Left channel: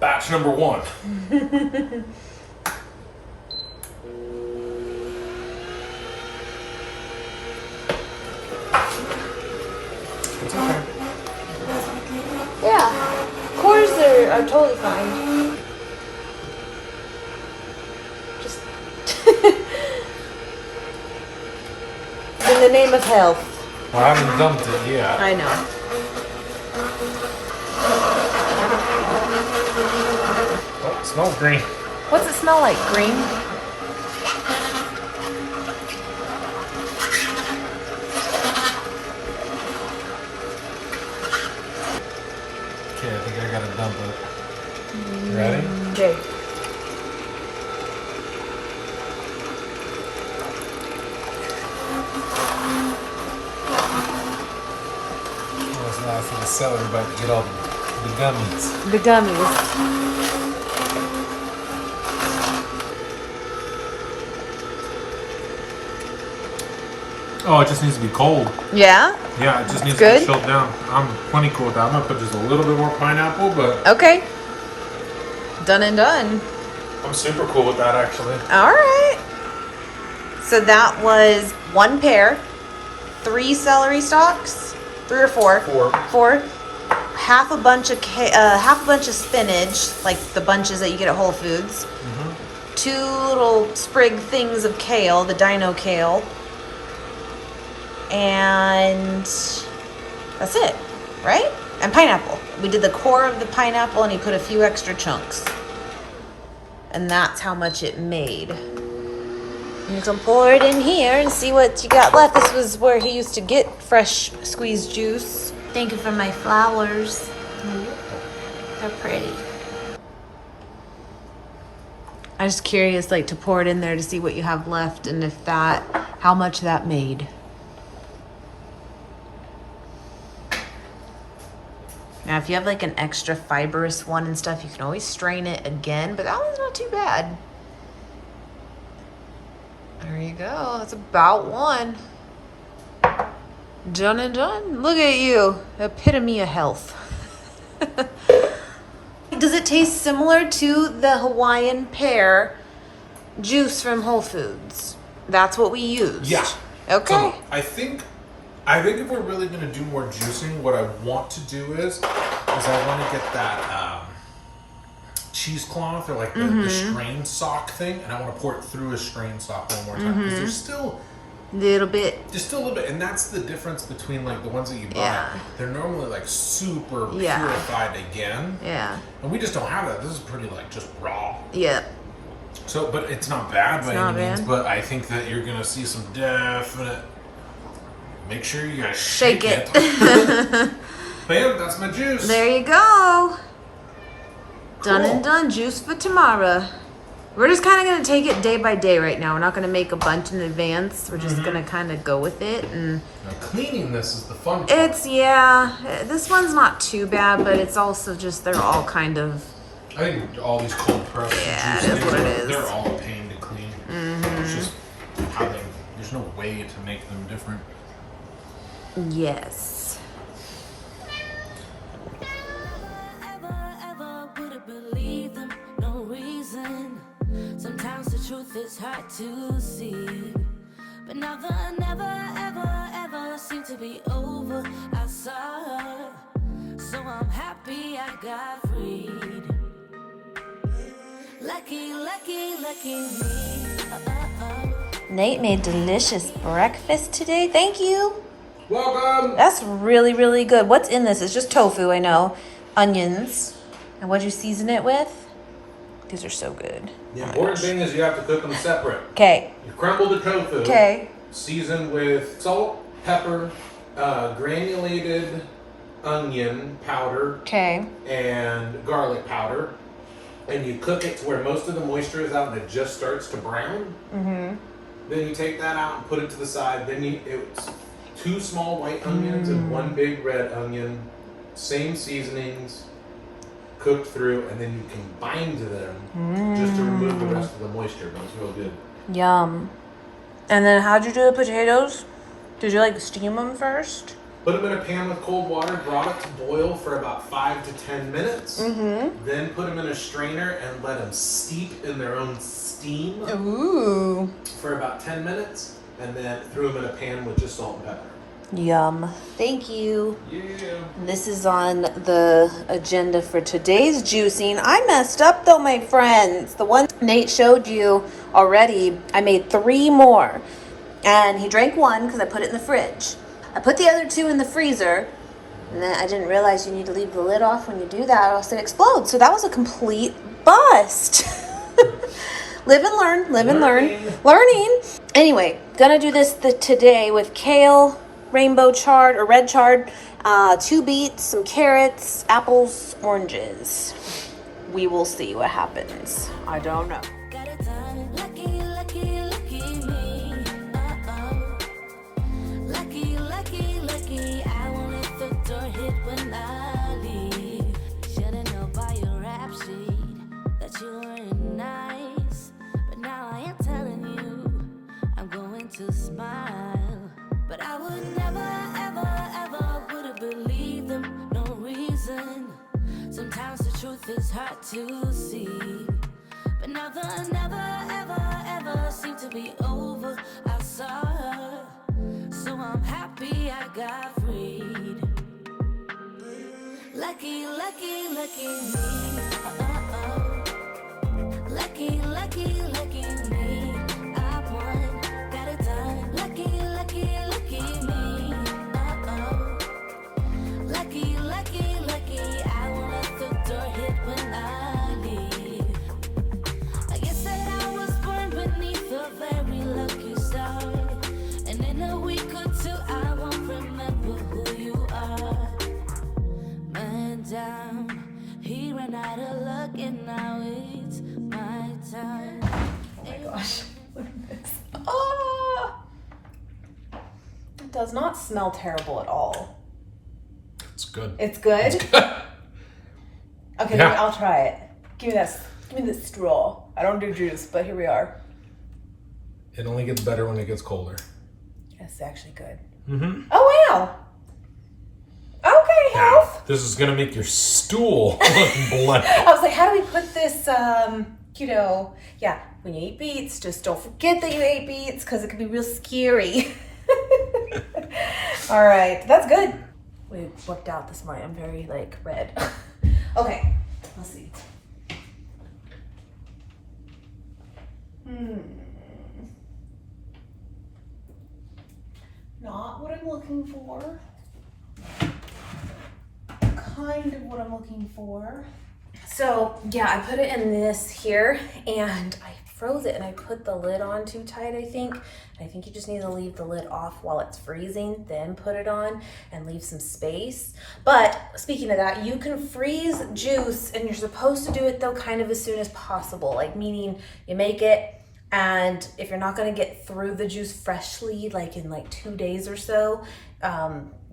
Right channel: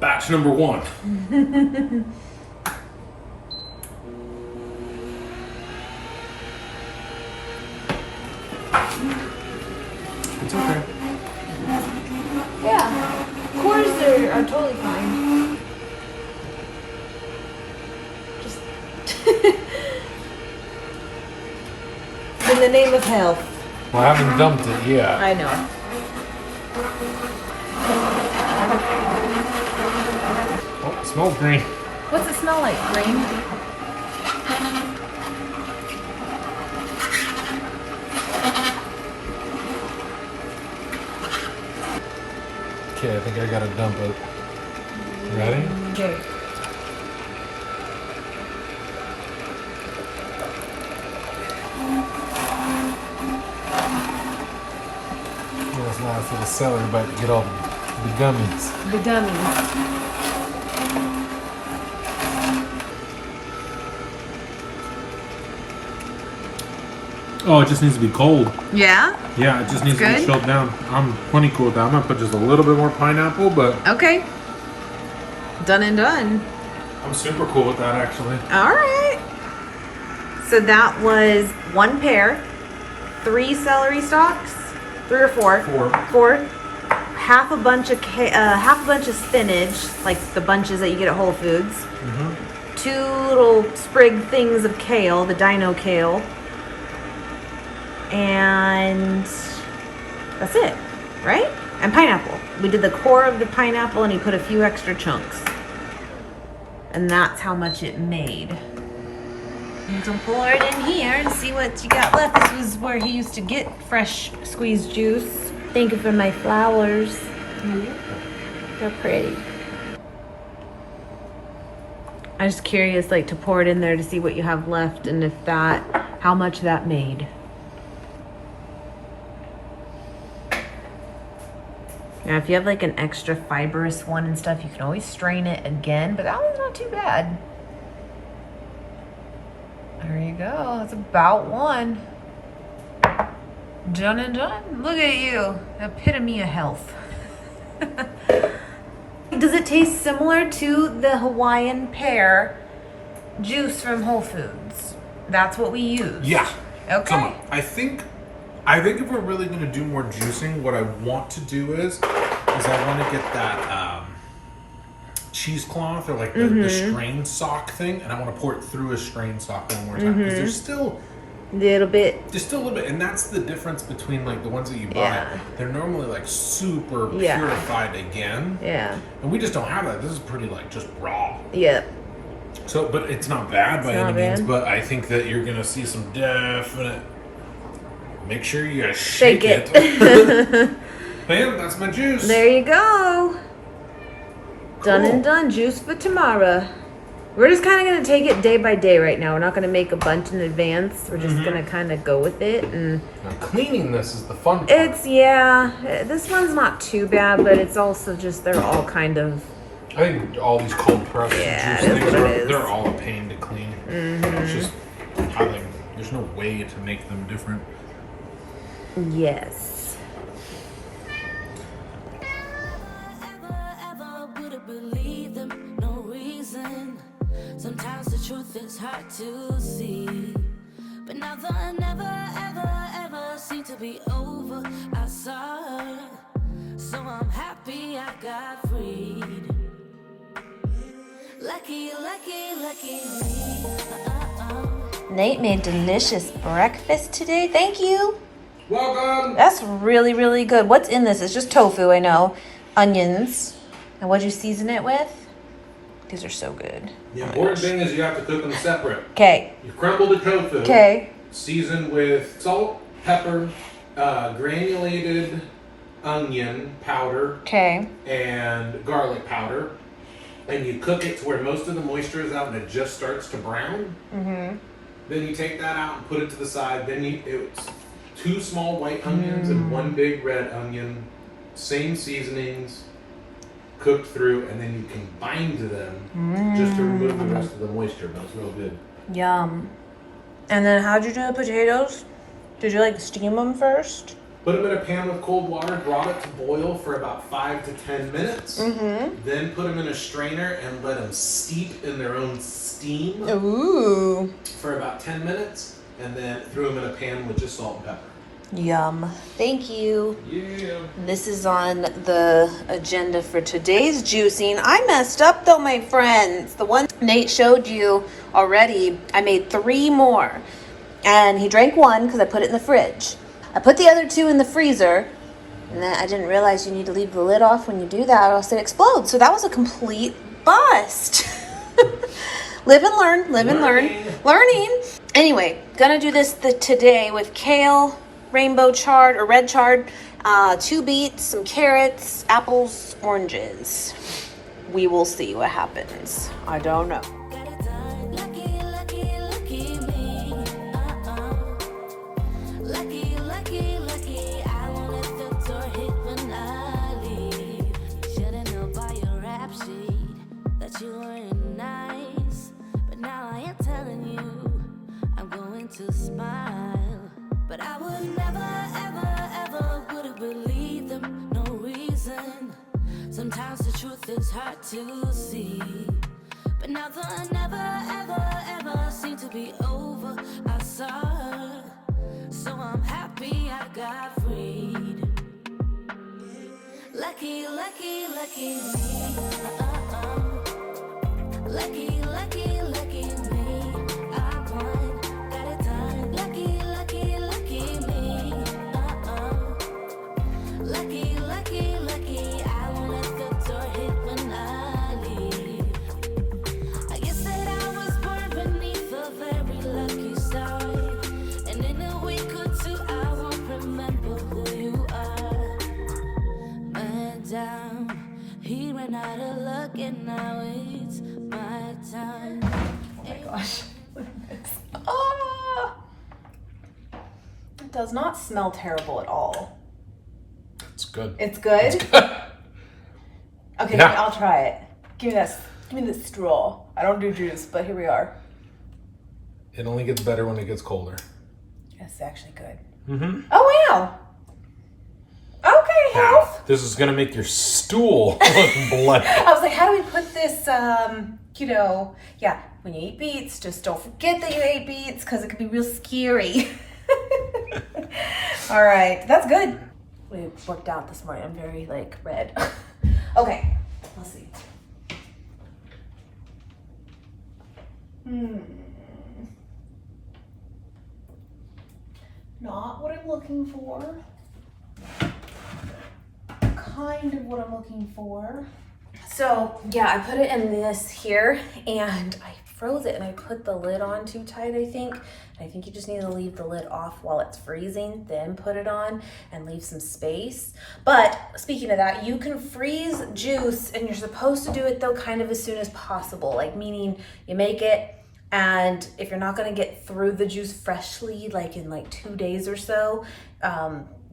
batch number 1. It's okay. Yeah. Quarters are totally fine. Just in the name of health. Well, I haven't dumped it yet. I know. Oh, it smells green. What's it smell like? Green? Okay, I think I gotta dump it. Ready? Okay. That's nice little celery about to get all the gummies. The gummies. Oh, it just needs to be cold. Yeah? Yeah, it just needs to Good. be chilled down. I'm plenty cool with that. I'm gonna put just a little bit more pineapple, but Okay. Done and done. I'm super cool with that actually. All right. So that was 1 pear, 3 celery stalks, 3 or 4. 4. Half a bunch of spinach, like the bunches that you get at Whole Foods. 2 little sprig things of kale, the dino kale. And that's it, right? And pineapple. We did the core of the pineapple and he put a few extra chunks. And that's how much it made. You can pour it in here and see what you got left. This was where he used to get fresh squeezed juice. Thank you for my flowers. They're pretty. I'm just curious, like, to pour it in there to see what you have left and if that, how much that made. Now, if you have like an extra fibrous one and stuff, you can always strain it again, but that one's not too bad. There you go. That's about 1. Done and done. Look at you. Epitome of health. Does it taste similar to the Hawaiian pear juice from Whole Foods? That's what we used. Yeah. Okay. So I think if we're really gonna do more juicing, what I want to do is I want to get that cheesecloth or like the strain sock thing, and I want to pour it through a strain sock one more time because there's still Little bit. There's still a little bit, and that's the difference between like the ones that you buy. Yeah. They're normally like super purified again. Yeah. And we just don't have that. This is pretty like just raw. Yeah. So, but it's not bad by any means. But I think that you're gonna see some definite. Make sure you guys shake it. Bam! That's my juice. There you go. Cool. Done and done. Juice for tomorrow. We're just kind of going to take it day by day right now. We're not going to make a bunch in advance. We're just going to kind of go with it. And now, cleaning this is the fun part. It's, this one's not too bad, but it's also just, they're all kind of... I think all these cold pressed juice they're all a pain to clean. It's just how there's no way to make them different. Yes. Ever would've believed them, no reason. Sometimes the truth is hard to see, but never, never, ever seemed to be over. I saw her, so I'm happy I got freed. Lucky, lucky, lucky me. Nate made delicious breakfast today. Thank you. Welcome. That's really, really good. What's in this? It's just tofu, I know. Onions. And what'd you season it with? These are so good. The important thing is you have to cook them separate. Okay. You crumble the tofu. Okay. Season with salt, pepper, granulated onion powder. Okay. And garlic powder. And you cook it to where most of the moisture is out and it just starts to brown. Then you take that out and put it to the side. Then it's 2 small white onions and 1 big red onion. Same seasonings. Cooked through, and then you combine them just to remove the rest of the moisture, but it's real good. Yum. And then how'd you do the potatoes? Did you like steam them first? Put them in a pan with cold water, brought it to boil for about 5 to 10 minutes. Then put them in a strainer and let them steep in their own steam for about 10 minutes. And then threw them in a pan with just salt and pepper. Yum. Thank you. Yeah. This is on the agenda for today's juicing. I messed up though, my friends. The one Nate showed you already, I made 3 more. And he drank 1 because I put it in the fridge. I put the other 2 in the freezer. And then I didn't realize you need to leave the lid off when you do that or else it explodes. So that was a complete bust. Live and learn, live and learn. Learning. Anyway, gonna do this today with kale, rainbow chard or red chard, 2 beets, some carrots, apples, oranges. We will see what happens. I don't know. Got it done. Lucky, lucky, lucky me. Lucky, lucky, lucky. I won't let the door hit when I leave. Should've known by your rap sheet that you weren't nice. But now I am telling you, I'm going to smile. But I would never, ever, ever would have believed them, no reason. Sometimes the truth is hard to see. But now the never, ever, ever seemed to be over. I saw her, so I'm happy I got freed. Lucky, lucky, lucky me. Lucky, lucky, lucky me. I won, got it done. Lucky, lucky, lucky me. Lucky, lucky, lucky. I won't let the door hit when I leave. I guess that I was born beneath a very lucky star. And in a week or 2, I won't remember who you are. Man down, he ran out of luck and now it's my time. Oh my gosh, look at this. Oh! It does not smell terrible at all. It's good. It's good? Okay, Yeah. I'll try it. Give me this straw. I don't do juice, but here we are. It only gets better when it gets colder. It's actually good. Mm-hmm. Oh, wow. Okay, health. This is gonna make your stool look bloody. I was like, how do we put this, yeah, when you eat beets, just don't forget that you ate beets because it can be real scary. All right, that's good. We worked out this morning. I'm very, red. Okay, let's see. Not what I'm looking for. Kind of what I'm looking for. So yeah, I put it in this here and I froze it and I put the lid on too tight, I think. And I think you just need to leave the lid off while it's freezing, then put it on and leave some space. But speaking of that, you can freeze juice and you're supposed to do it though kind of as soon as possible. Like meaning you make it and if you're not gonna get through the juice freshly, in 2 days or so,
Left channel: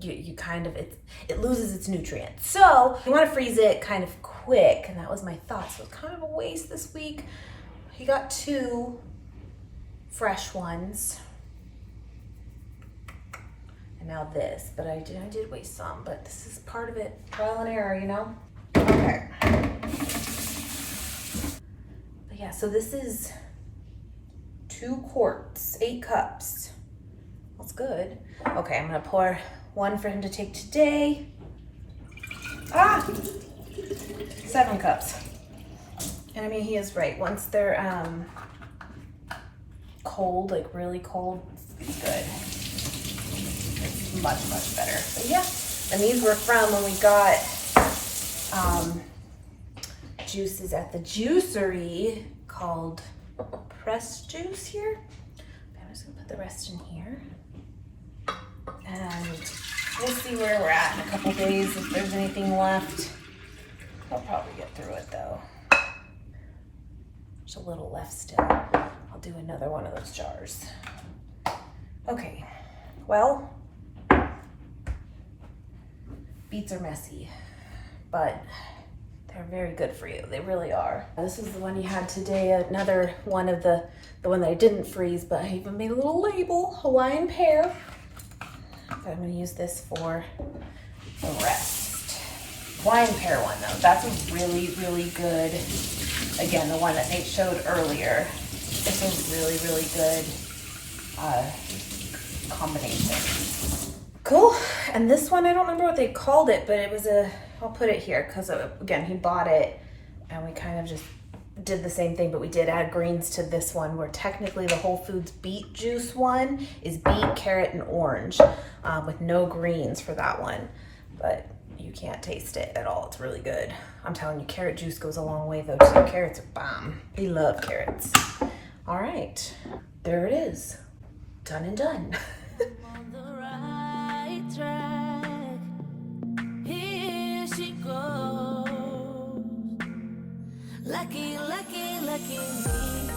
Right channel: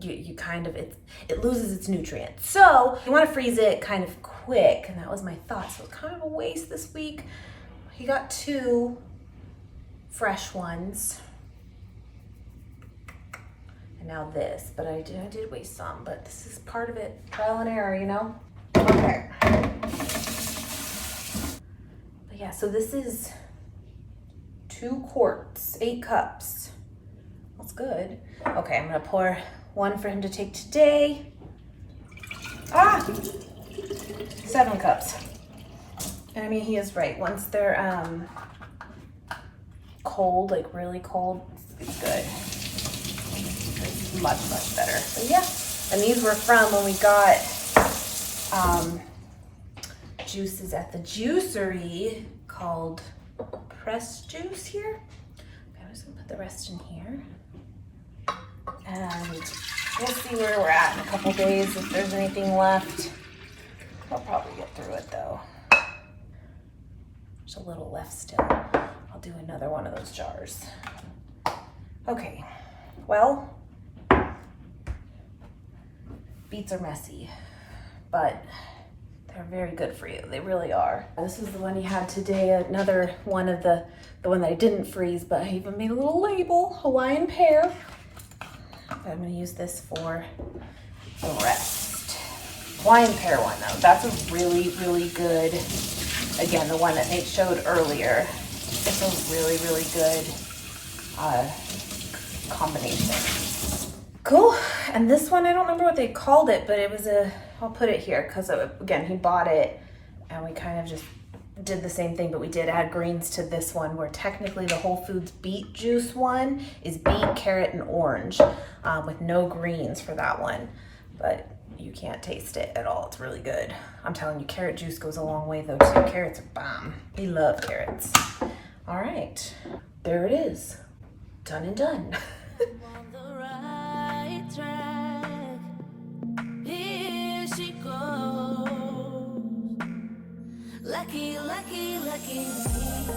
you kind of, it loses its nutrients. So you want to freeze it kind of quick, and that was my thought. So it's kind of a waste this week. He got 2 fresh ones, and now this. But I did waste some. But this is part of it, trial and error, you know. Okay. But yeah, so this is 2 quarts, 8 cups. That's good. Okay, I'm gonna pour 1 for him to take today. 7 cups. And I mean, he is right. Once they're cold, really cold, it's good. It's much, much better. So yeah, and these were from when we got juices at the juicery called Press Juice here. Okay, I'm just gonna put the rest in here. And we'll see where we're at in a couple days if there's anything left. I'll probably get through it though. There's a little left still. I'll do another one of those jars. Okay, well, beets are messy, but they're very good for you. They really are. This is the one you had today. Another one of the one that I didn't freeze, but I even made a little label, Hawaiian Pear. But I'm gonna use this for the rest. Hawaiian pear one though, that's a really, really good, again, the one that Nate showed earlier. It's a really, really good combination. Cool, and this one, I don't remember what they called it, but it was I'll put it here because again, he bought it and we kind of just did the same thing, but we did add greens to this one, where technically the Whole Foods Beet Juice one is beet, carrot, and orange, with no greens for that one. But you can't taste it at all. It's really good. I'm telling you, carrot juice goes a long way though too. Carrots are bomb. We love carrots. All right, there it is. Done and done. On the right track. Here she goes. Lucky, lucky, lucky me.